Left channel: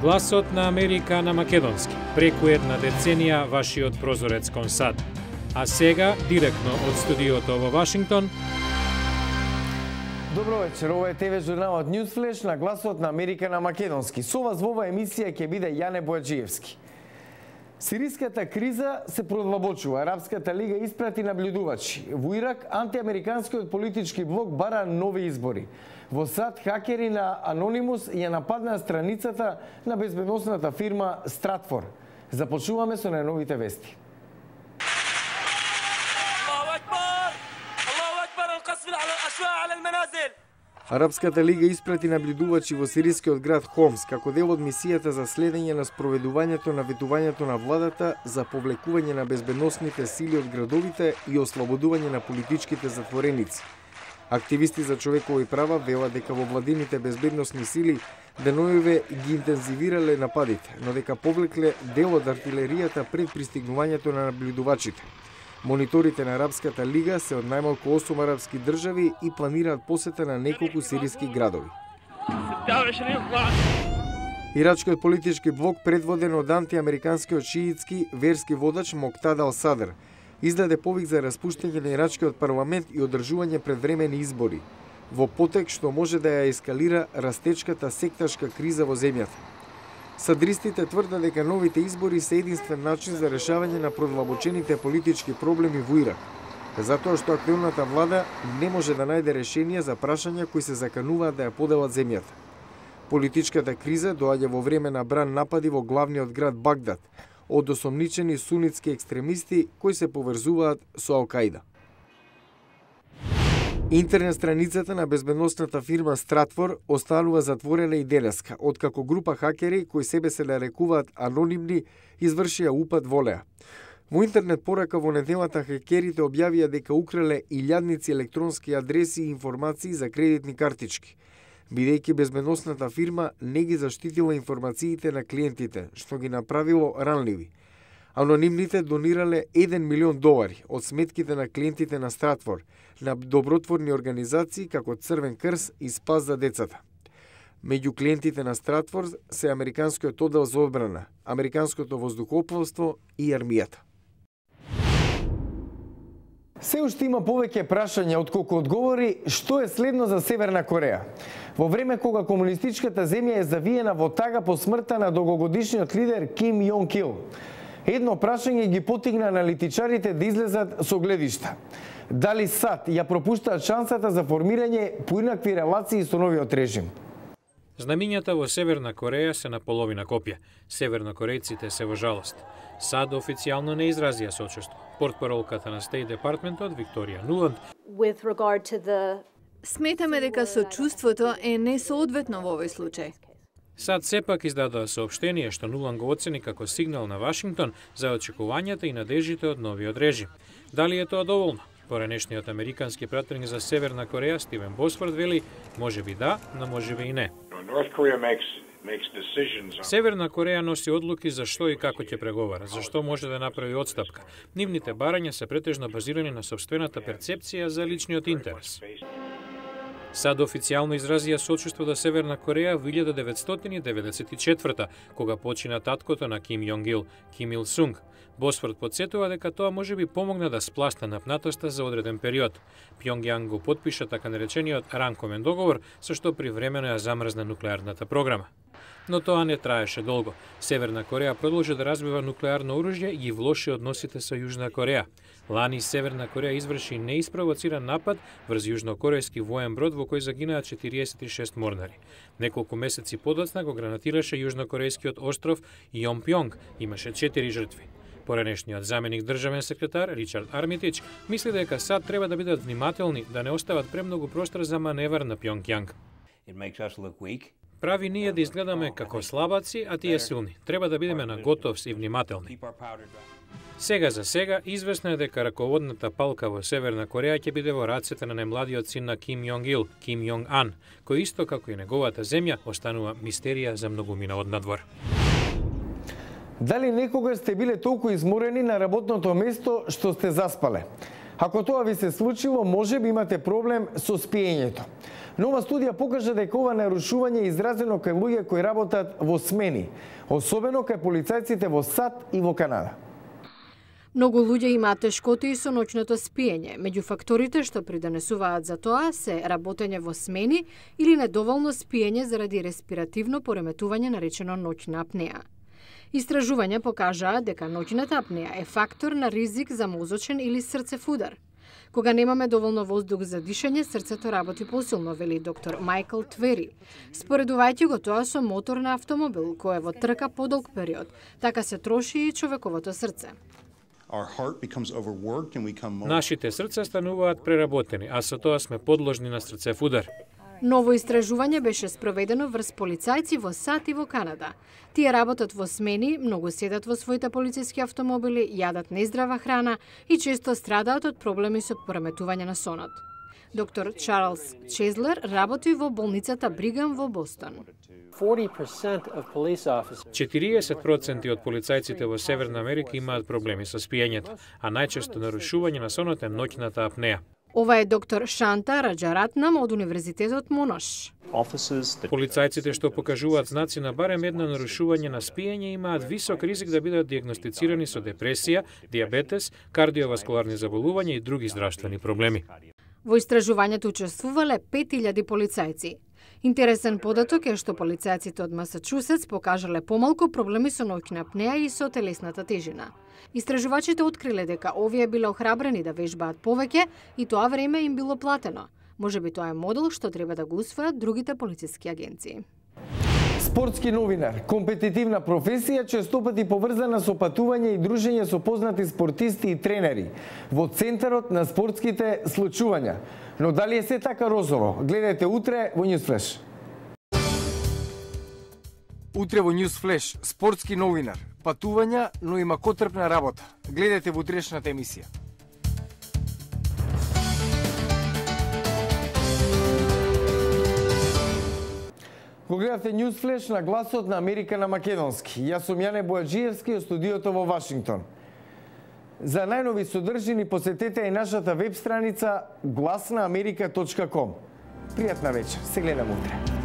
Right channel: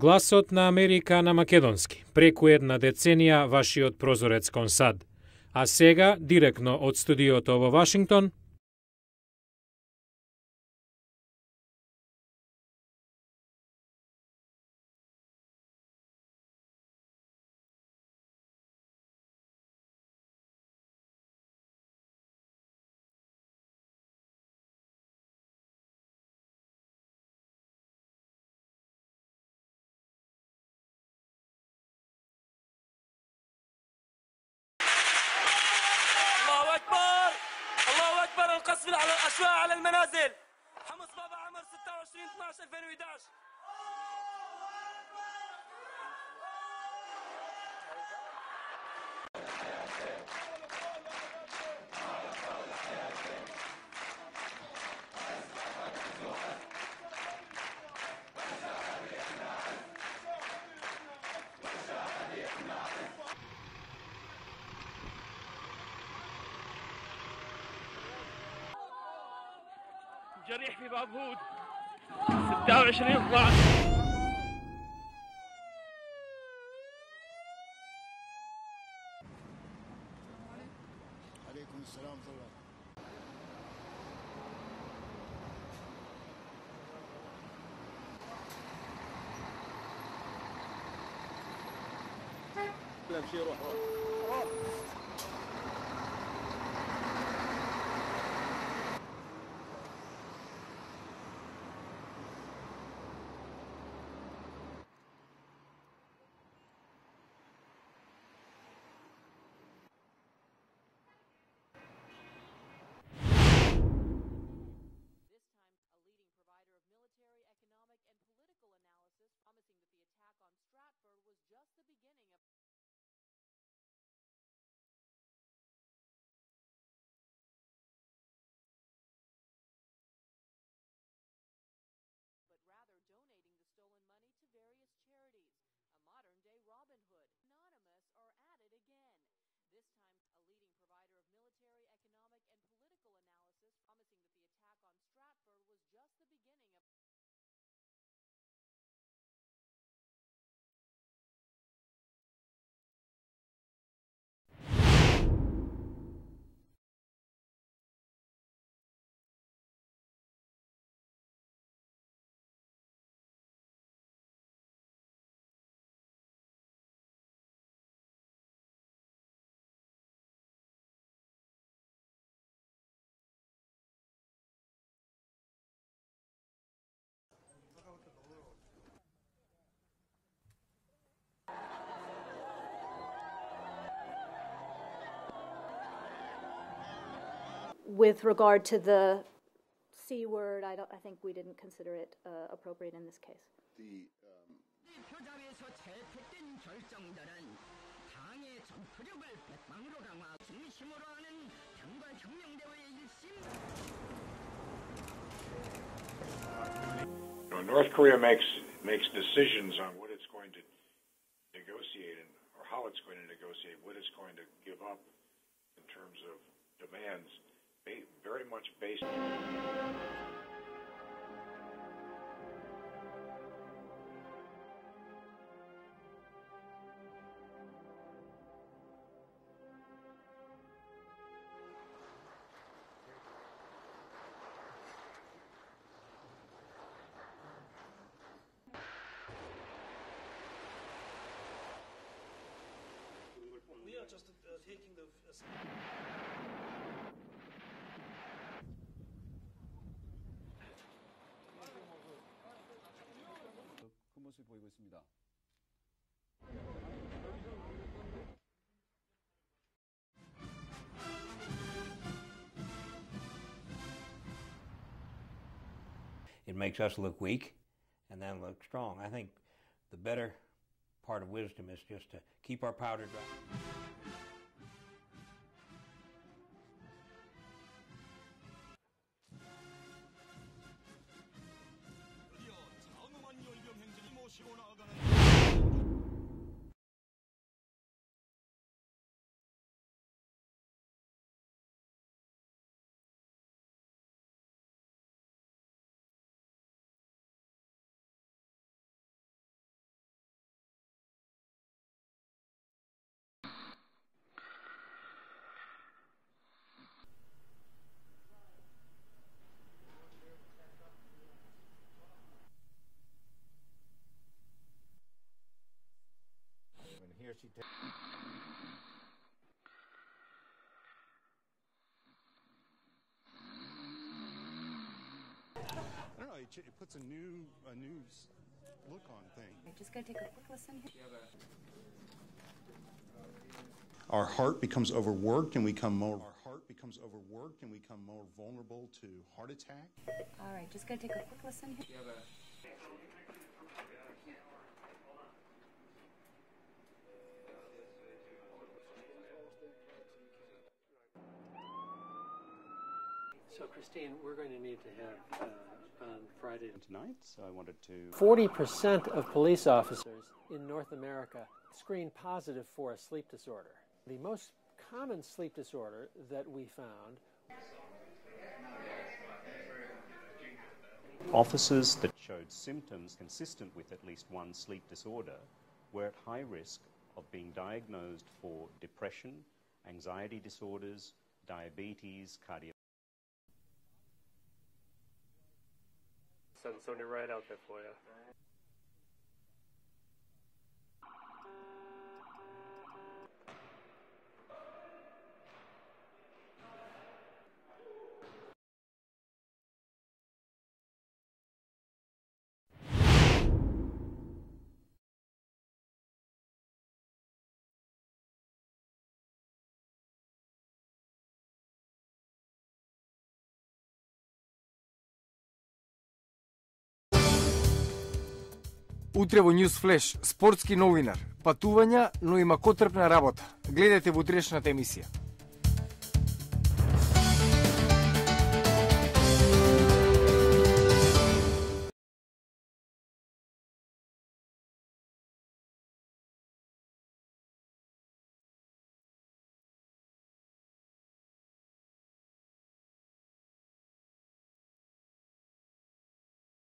Гласот на Америка на македонски. Преку една деценија вашиот прозорец кон САД. А сега, директно од студиото во Вашингтон. Добро вечер, ова е ТВ журналот Newsflash на Гласот на Америка на македонски. Со вас во оваа емисија ќе биде Јане Бојаджиевски. Сириската криза се продлабочува. Арапската лига испрати наблюдувачи. Во Ирак, антиамериканскиот политички блок бара нови избори. Во САД хакери на Anonymous ја нападнаа страницата на безбедносната фирма Stratfor. Започнуваме со најновите вести. Арапската лига испрати наблюдувачи во сирискиот град Хомс како дел од мисијата за следење на спроведувањето на ветувањето на владата за повлекување на безбедносните сили од градовите и ослободување на политичките затвореници. Активисти за човекови права велат дека во владините безбедносни сили деноиве ги интензивирале нападите, но дека повлекле дел од артилеријата пред пристигнувањето на наблюдувачите. Мониторите на Арапската лига се од најмалку 8 арапски држави и планираат посета на неколку сириски градови. Ирачкиот политички блок, предводен од антиамериканскиот шиитски верски водач Моктада Ал-Садр, издаде повик за распуштање на ирачкиот парламент и одржување предвремени избори, во потек што може да ја ескалира растечката секташка криза во земјата. Садристите тврдат дека новите избори се единствен начин за решавање на продлабочените политички проблеми во Ирак, затоа што актуелната влада не може да најде решение за прашања кои се закануваат да ја поделат земјата. Политичката криза доаѓа во време на бран напади во главниот град Багдад од осомничени сунитски екстремисти кои се поврзуваат со Ал-Каида. Интернет страницата на безбедносната фирма Stratfor останува затворена и денеска, откако група хакери кои себе се нарекуваат анонимни извршија упад во неа. Во интернет порака во неделата хакерите објавија дека украле илјадници електронски адреси и информации за кредитни картички, бидејќи безбедносната фирма не ги заштитила информациите на клиентите, што ги направило ранливи. Анонимните донирале $1 милион од сметките на клиентите на Stratfor на добротворни организации како Црвен крст и Спас за децата. Меѓу клиентите на Stratfor се Американскиот оддел за одбрана, Американското воздухопловство и армијата. Се уште има повеќе прашања отколку одговори што е следно за Северна Кореја. Во време кога комунистичката земја е завиена во тага по смртта на долгогодишниот лидер Ким Јонг Ил, едно прашање ги потигна аналитичарите да излезат со гледишта. Дали САД ја пропуштаат шансата за формирање поинакви релации со новиот режим? Знамињата во Северна Кореја се на половина копија. Севернокорејците се во жалост. САД официјално не изразија сочувство. Портпаролката на State Departmentот Викторија Нуланд Сметаме дека сочувството е несоодветно во овој случај. САД сепак издадоа соопштение што Нуланд го оцени како сигнал на Вашингтон за очекувањата и надежите од новиот режим. Дали е тоа доволно? Поранешниот американски пратеник за Северна Кореја Стивен Босфорд вели, можеби да, но можеби и не. Северна Кореја носи одлуки за што и како ќе преговара, за што може да направи отстапка. Нивните барања се претежно базирани на сопствената перцепција за личниот интерес. САД официјално изразија сочувство до Северна Кореја во 1994 кога почина таткото на Ким Јонг Ил, Ким Ил Сунг. Босфорд подсетува дека тоа можеби помогна да спласта напнатоста за одреден период. Пјонгјанг го потпиша така наречениот ранковен договор, со што привремено ја замрзна нуклеарната програма. Но тоа не траеше долго. Северна Кореја продолжи да развива нуклеарно оружје и ги влоши односите со Јужна Кореја. Лани Северна Кореја изврши неиспровоциран напад врз јужнокорејски воен брод во кој загинаа 46 морнари. Неколку месеци подоцна го гранатираше јужнокорејскиот остров Јонпјонг, имаше 4 жртви. Поранешниот заменик државен секретар Ричард Армитич мисли дека САД треба да бидат внимателни да не остават премногу простор за маневар на Пјонгјанг. Прави ние да изгледаме како слабаци, а тие силни. Треба да бидеме на готовс и внимателни. Сега за сега, известно е дека раководната палка во Северна Кореја ќе биде во рацете на најмладиот син на Ким Јонг Ил, Ким Јонг Ан, кој исто како и неговата земја останува мистерија за многумина однадвор. Дали некогаш сте биле толку изморени на работното место што сте заспале? Ако тоа ви се случило, може би имате проблем со спиењето. Нова студија покажа дека ова нарушување е изразено кај луѓе кои работат во смени, особено кај полицајците во САД и во Канада. Многу луѓе имаат тешкоти со ноќното спиење. Меѓу факторите што придонесуваат за тоа се работење во смени или недоволно спиење заради респиративно пореметување наречено ноќна апнеа. Истражувања покажаа дека ноќната апнеа е фактор на ризик за мозочен или срцев удар. Кога немаме доволно воздух за дишење, срцето работи посилно, вели доктор Майкл Твери. Споредувајќи го тоа со мотор на автомобил, кој е во трка подолг период, така се троши и човековото срце. Нашите срца стануваат преработени, а со тоа сме подложни на срцев удар. Ново истражување беше спроведено врз полицајци во САД и во Канада. Тие работат во смени, многу седат во своите полициски автомобили, јадат нездрава храна и често страдаат од проблеми со пореметување на сонот. Доктор Чарлс Чезлер работи во болницата Бригам во Бостон. 40% од полицајците во Северна Америка имаат проблеми со спиењето, а најчесто нарушување на сонот е ноќната апнеа. Ова е доктор Шанта Раджаратнам од Универзитетот Монош. Полицајците што покажуваат знаци на барем едно нарушување на спиење имаат висок ризик да бидат диагностицирани со депресија, диабетес, кардиоваскуларни заболувања и други здравствени проблеми. Во истражувањето учествувале 5000 полицајци. Интересен податок е што полицајците од Масачусетс покажале помалку проблеми со ноќна апнеа и со телесната тежина. Истражувачите откриле дека овие биле охрабрени да вежбаат повеќе и тоа време им било платено. Можеби тоа е модел што треба да го усвојат другите полициски агенции. Спортски новинар, компетитивна професија, честопати поврзана со патување и дружење со познати спортисти и тренери во центарот на спортските случувања. Но дали е се така розово? Гледате утре во Newsflash. Утре во Newsflash, спортски новинар, патувања, но има котрпна работа. Гледате во утрешната емисија. Го гледате Newsflash на гласот на Америка на македонски. Јас сум Јане Бојаджиевски од студиото во Вашингтон. За најнови содржини посетете и нашата веб страница glasnaamerika.com. Пријатна вечер, се гледам утре.